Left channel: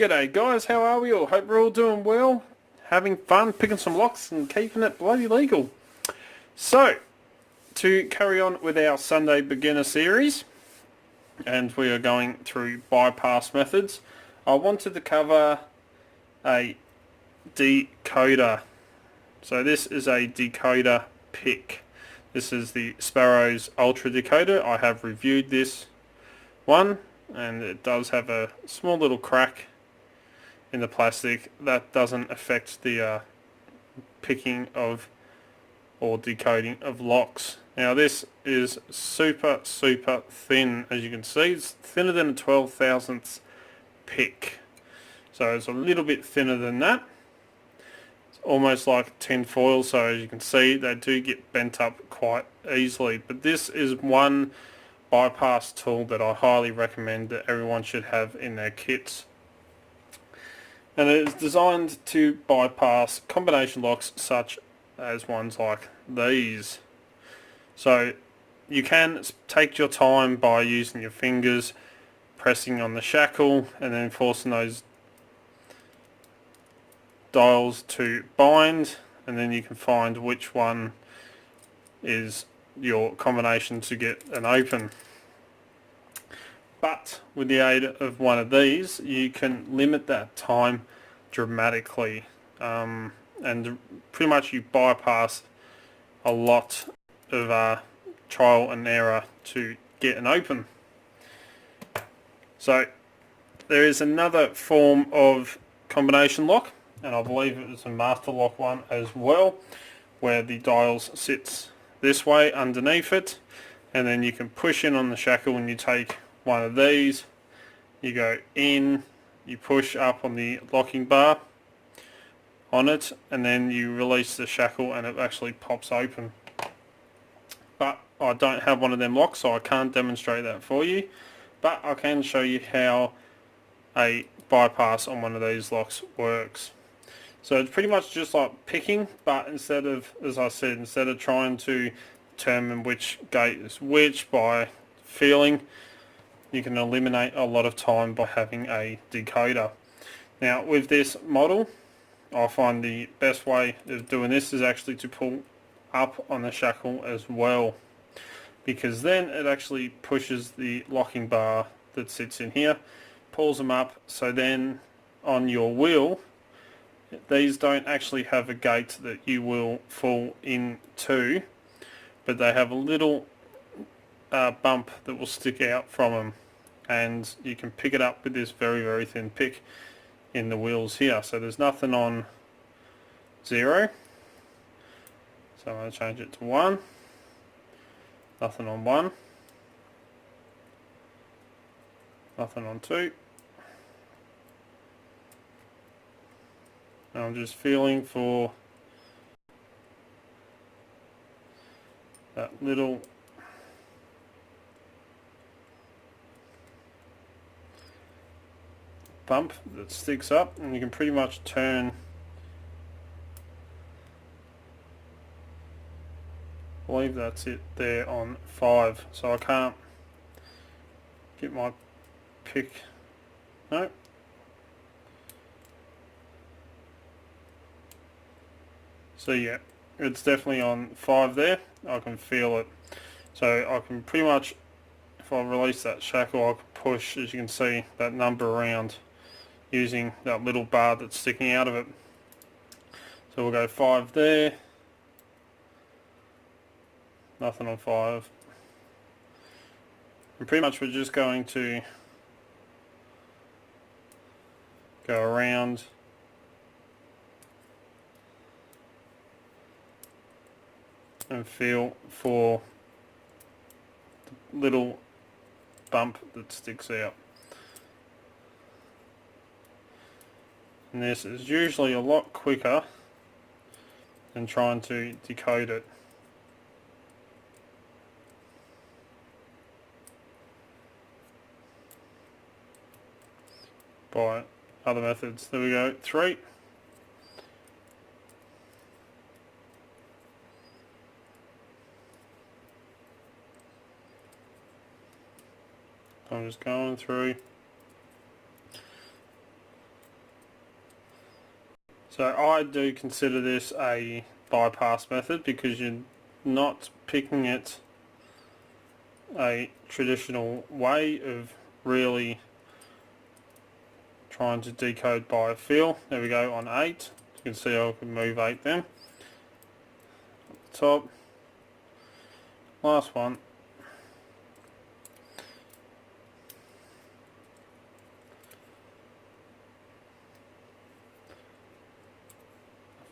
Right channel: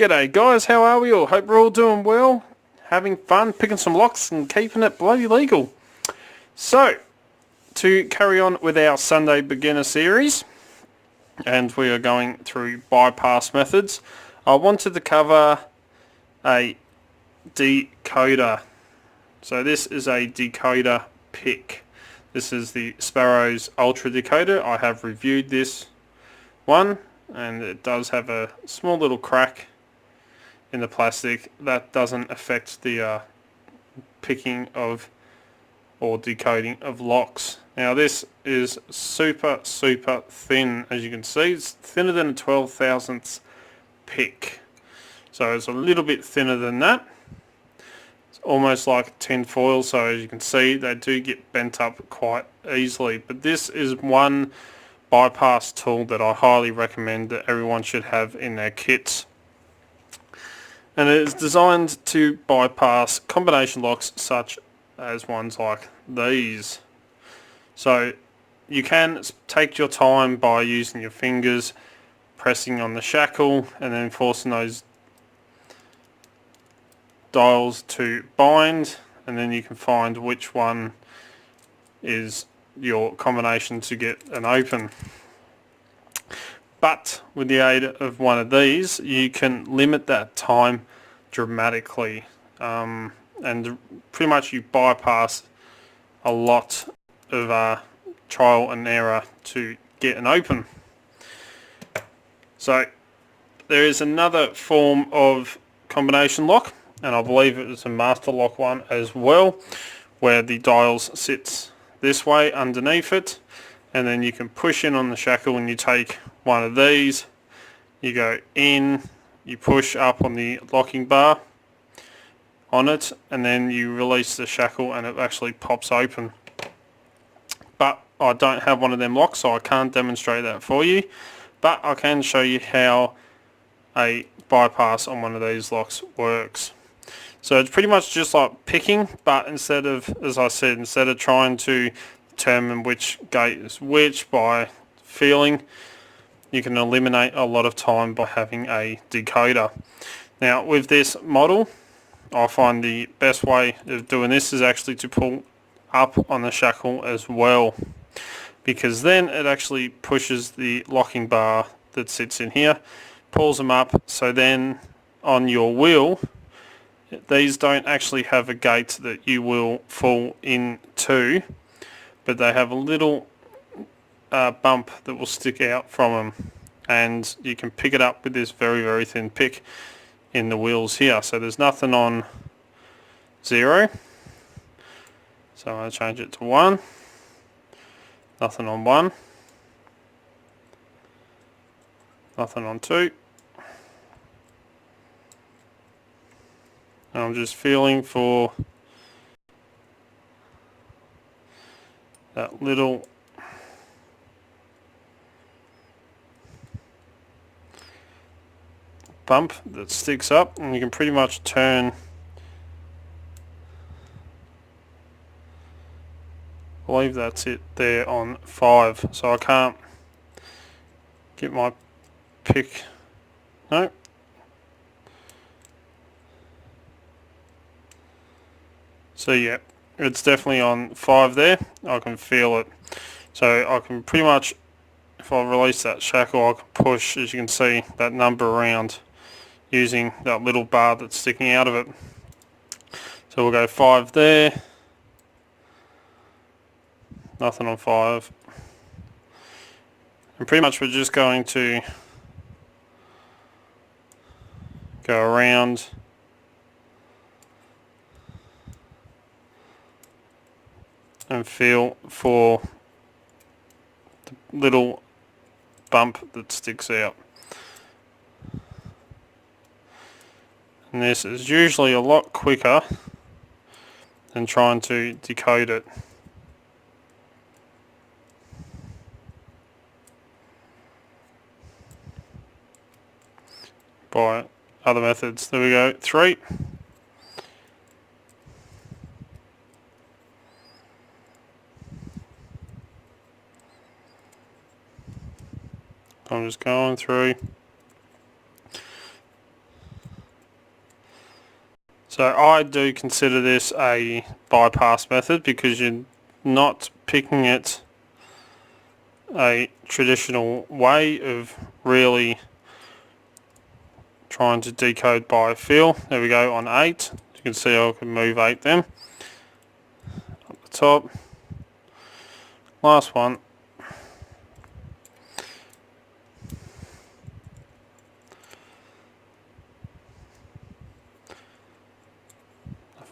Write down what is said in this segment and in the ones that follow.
G'day guys, how are we all? Hope we're all doing well, having fun, picking some locks and keeping it bloody legal. So, to carry on with our Sunday beginner series, and we are going through bypass methods, I wanted to cover a decoder. So this is a decoder pick. This is the Sparrow's Ultra Decoder. I have reviewed this one, and it does have a small little crack in the plastic. That doesn't affect the picking of or decoding of locks. Now this is super thin, as you can see. It's thinner than a 12,000th pick, so it's a little bit thinner than that. It's almost like tin foil, so as you can see they do get bent up quite easily. But this is one bypass tool that I highly recommend that everyone should have in their kits, and it is designed to bypass combination locks such as ones like these. So you can take your time by using your fingers, pressing on the shackle and then forcing those dials to bind, and then you can find which one is your combination to get an open. But with the aid of one of these, you can limit that time dramatically, and pretty much you bypass a lot of trial and error to get an open. So there is another form of combination lock, and I believe it was a master lock one as well, where the dials sits this way underneath it, and then you can push in on the shackle and you take one of these, you go in, you push up on the locking bar on it, and then you release the shackle and it actually pops open. But I don't have one of them locks, so I can't demonstrate that for you, but I can show you how a bypass on one of these locks works. So it's pretty much just like picking, but instead of, as I said, instead of trying to determine which gate is which by feeling, you can eliminate a lot of time by having a decoder. Now with this model, I find the best way of doing this is actually to pull up on the shackle as well, because then it actually pushes the locking bar that sits in here, pulls them up, so then on your wheel, these don't actually have a gate that you will fall into, but they have a little bump that will stick out from them, and you can pick it up with this very thin pick in the wheels here. So there's nothing on 0, so I'm going to change it to 1, nothing on 1, nothing on 2, and I'm just feeling for that little bump that sticks up, and you can pretty much turn, I believe that's it there on 5, so I can't get my pick, no, so yeah, it's definitely on 5 there. I can feel it, so I can pretty much, if I release that shackle, I can push, as you can see, that number around using that little bar that's sticking out of it. So we'll go 5 there, nothing on 5, and pretty much we're just going to go around and feel for the little bump that sticks out. And this is usually a lot quicker than trying to decode it by other methods. There we go, 3. I'm just going through. So I do consider this a bypass method because you're not picking it a traditional way of really trying to decode by feel. There we go on 8. You can see I can move 8 then. Up the top. Last one.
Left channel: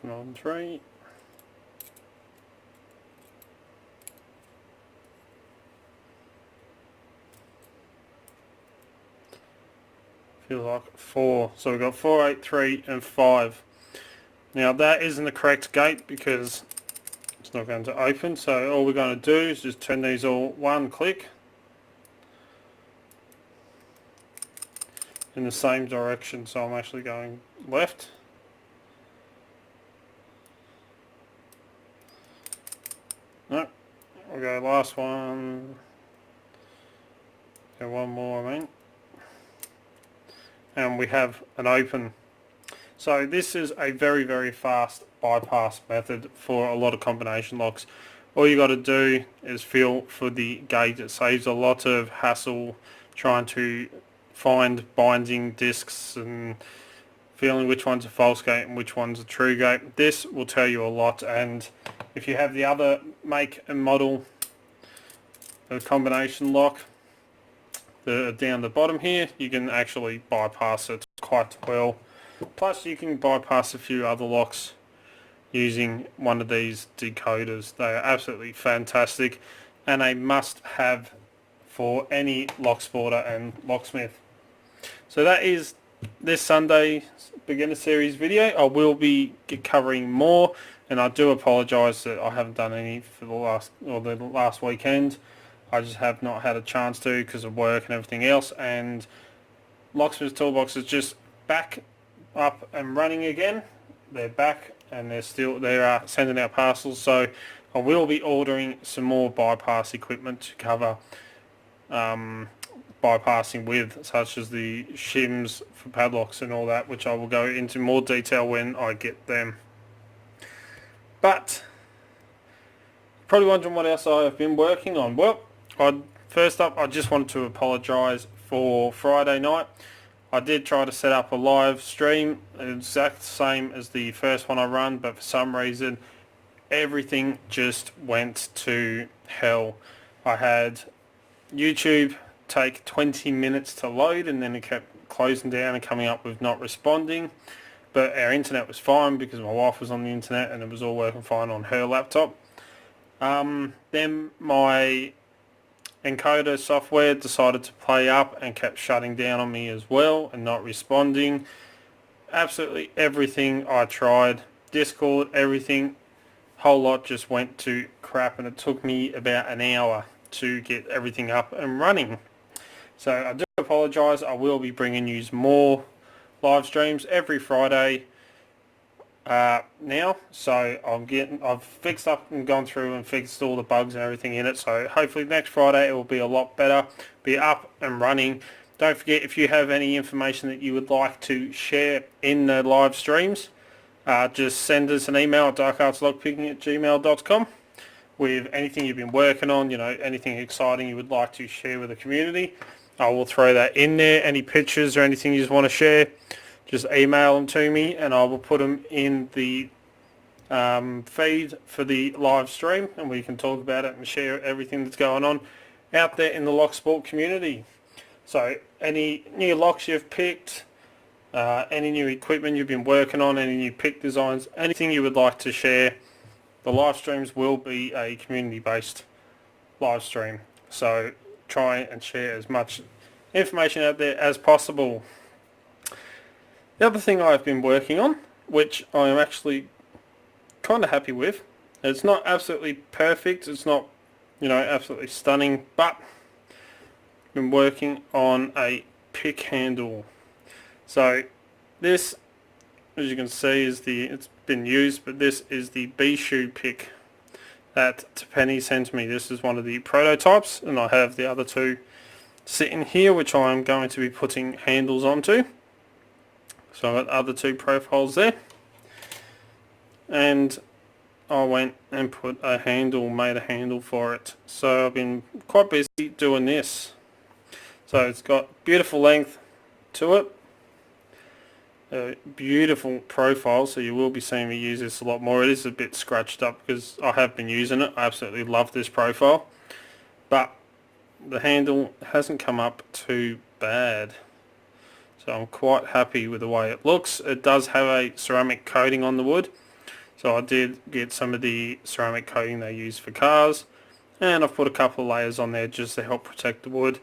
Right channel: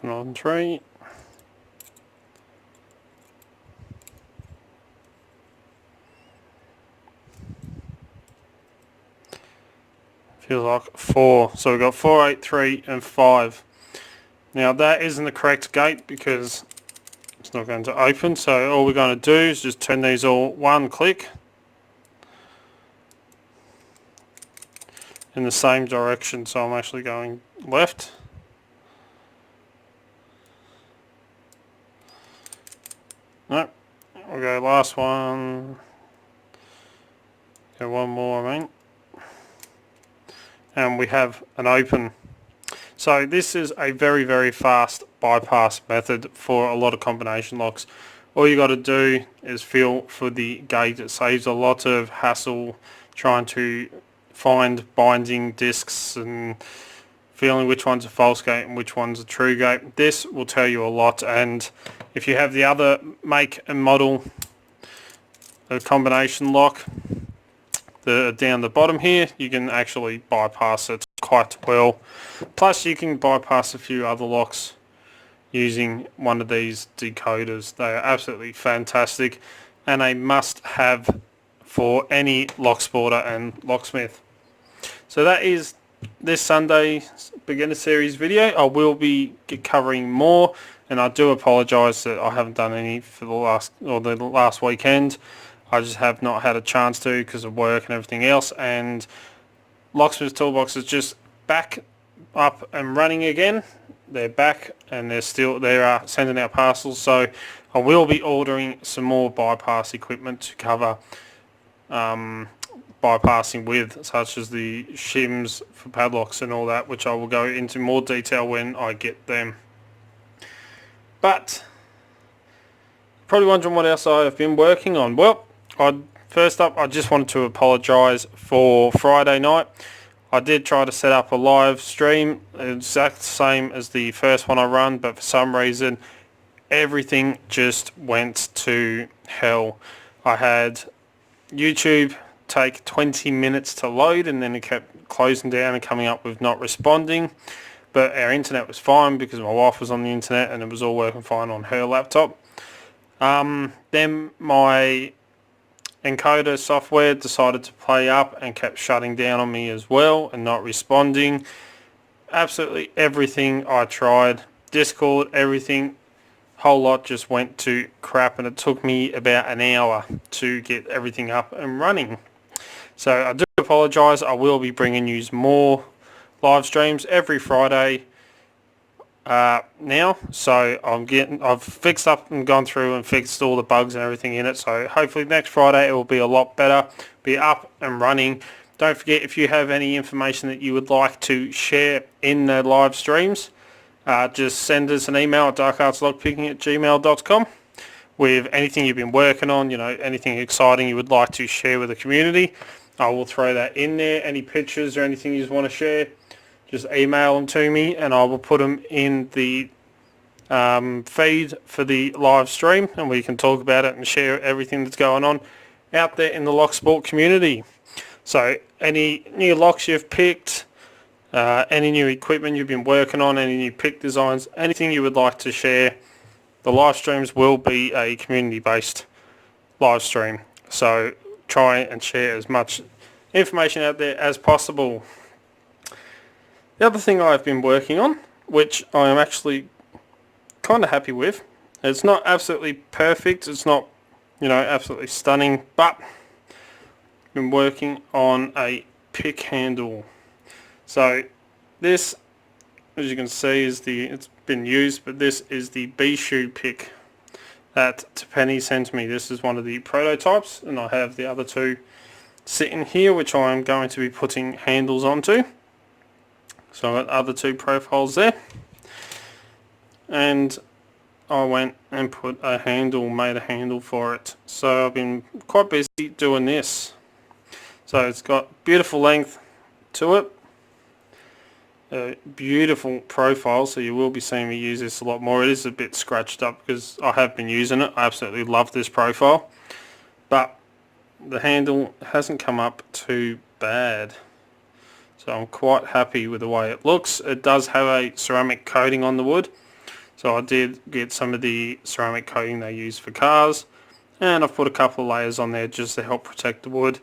On 3. Feels like 4. So we've got 4, 8, 3 and 5. Now that isn't the correct gate because it's not going to open. So all we're going to do is just turn these all one click in the same direction. So I'm actually going left. No, we'll go last one. Go one more, I mean. And we have an open. So this is a very, very fast bypass method for a lot of combination locks. All you got to do is feel for the gate. It saves a lot of hassle trying to find binding discs and feeling which one's a false gate and which one's a true gate. This will tell you a lot, and if you have the other make and model, the combination lock, down the bottom here, you can actually bypass it quite well. Plus you can bypass a few other locks using one of these decoders. They are absolutely fantastic and a must have for any locksporter and locksmith. So that is this Sunday beginner series video. I will be covering more, and I do apologise that I haven't done any for the last weekend. I just have not had a chance to because of work and everything else. And Locksmith's Toolbox is just back up and running again. They're back and they are sending out parcels. So I will be ordering some more bypass equipment to cover bypassing with, such as the shims for padlocks and all that, which I will go into more detail when I get them. But probably wondering what else I have been working on. Well, first up, I just wanted to apologise for Friday night. I did try to set up a live stream, exact same as the first one I run, but for some reason everything just went to hell. I had YouTube take 20 minutes to load, and then it kept closing down and coming up with not responding. But our internet was fine because my wife was on the internet and it was all working fine on her laptop. Then my encoder software decided to play up and kept shutting down on me as well and not responding. Absolutely everything I tried, Discord, everything, whole lot just went to crap, and it took me about an hour to get everything up and running. So I do apologise. I will be bringing you more live streams every Friday now. So I've fixed up and gone through and fixed all the bugs and everything in it. So hopefully next Friday it will be a lot better, be up and running. Don't forget, if you have any information that you would like to share in the live streams, just send us an email at darkartslockpicking@gmail.com with anything you've been working on, anything exciting you would like to share with the community. I will throw that in there. Any pictures or anything you just want to share, just email them to me and I will put them in the feed for the live stream, and we can talk about it and share everything that's going on out there in the Locksport community. So any new locks you've picked, any new equipment you've been working on, any new pick designs, anything you would like to share, the live streams will be a community-based live stream. So try and share as much information out there as possible. The other thing I've been working on, which I am actually kind of happy with, it's not absolutely perfect, it's not absolutely stunning, but I've been working on a pick handle. So this, as you can see, it's been used, but this is the B-shoe pick that Penny sent me. This is one of the prototypes, and I have the other two sitting here, which I am going to be putting handles onto. So I've got other two profiles there. and I went and made a handle for it. So I've been quite busy doing this. So it's got beautiful length to it, a beautiful profile, so you will be seeing me use this a lot more. It is a bit scratched up because I have been using it. I absolutely love this profile, but the handle hasn't come up too bad. So I'm quite happy with the way it looks. It does have a ceramic coating on the wood. So I did get some of the ceramic coating they use for cars, and I've put a couple of layers on there just to help protect the wood,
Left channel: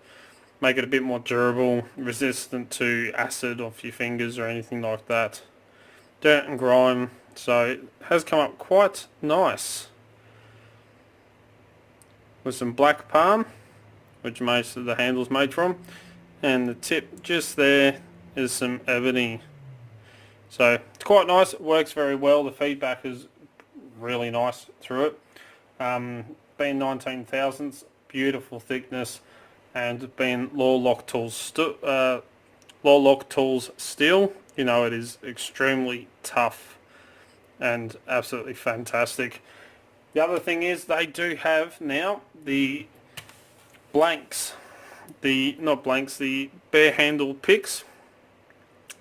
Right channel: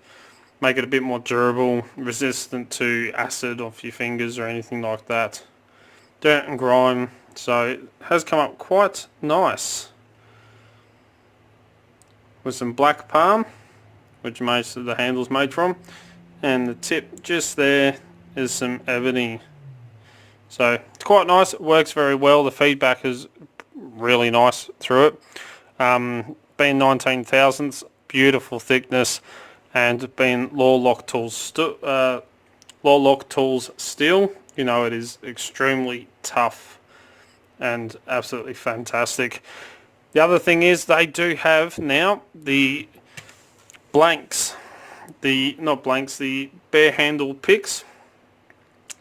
make it a bit more durable, resistant to acid off your fingers or anything like that. Dirt and grime, so it has come up quite nice. With some black palm, which most of the handle's made from, and the tip just there is some ebony. So it's quite nice, it works very well, the feedback is really nice through it. Being 19 thousandths, beautiful thickness, and being Lock Tools steel, you know it is extremely tough and absolutely fantastic. The other thing is they do have now the blanks, the bare handle picks.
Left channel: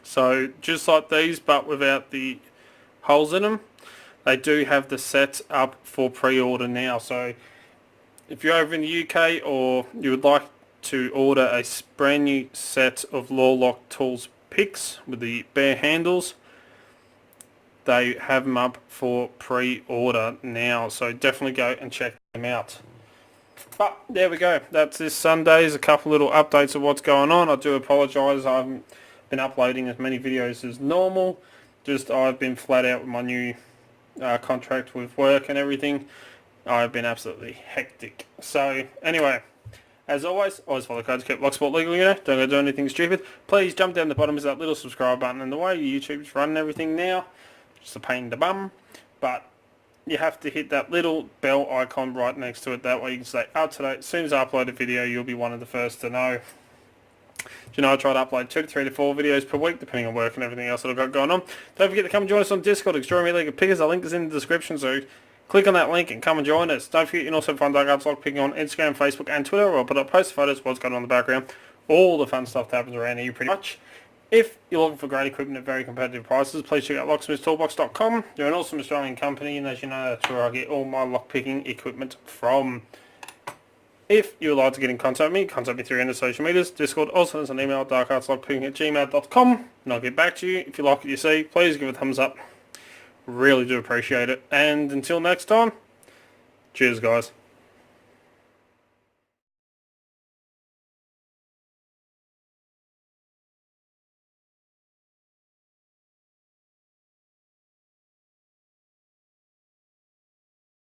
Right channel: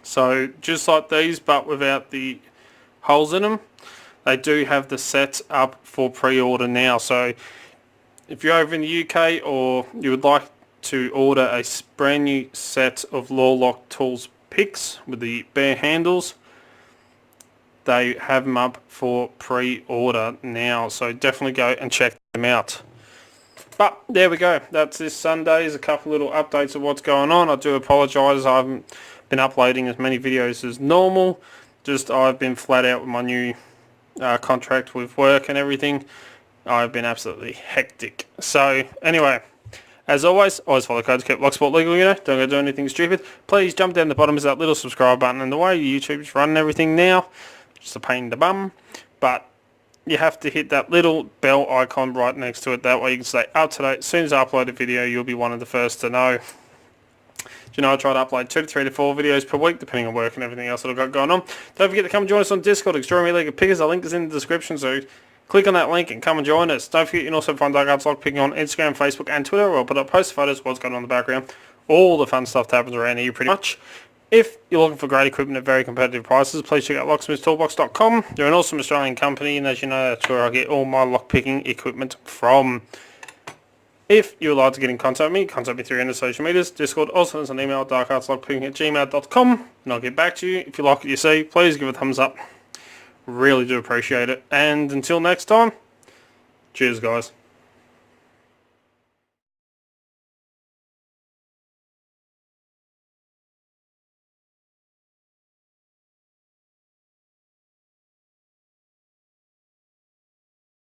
So just like these but without the holes in them, they do have the sets up for pre-order now. So if you're over in the UK or you would like to order a brand new set of Lock Tools picks with the bare handles, they have them up for pre-order now. So definitely go and check them out. But there we go. That's this Sunday's a couple little updates of what's going on. I do apologise. I haven't been uploading as many videos as normal. Just I've been flat out with my new contract with work and everything. I've been absolutely hectic. So anyway, as always follow codes, keep Locksport legal, you know. Don't go do anything stupid. Please jump down the bottom is that little subscribe button. And the way YouTube's running everything now, just a pain in the bum. But you have to hit that little bell icon right next to it. That way you can stay up to date. As soon as I upload a video, you'll be one of the first to know. You know, I try to upload 2 to 3 to 4 videos per week, depending on work and everything else that I've got going on. Don't forget to come join us on Discord, Extraordinary League of Pickers. The link is in the description, so click on that link and come and join us. Don't forget you can also find Dark Lock Picking on Instagram, Facebook and Twitter, where I'll put up post photos, what's going on in the background, all the fun stuff that happens around here pretty much. If you're looking for great equipment at very competitive prices, please check out locksmithtoolbox.com. They're an awesome Australian company, and as you know, that's where I get all my lockpicking equipment from. If you would like to get in contact with me through any social medias, Discord, also send an email at darkartslockpicking@gmail.com, and I'll get back to you. If you like what you see, please give it a thumbs up. Really do appreciate it. And until next time, cheers guys.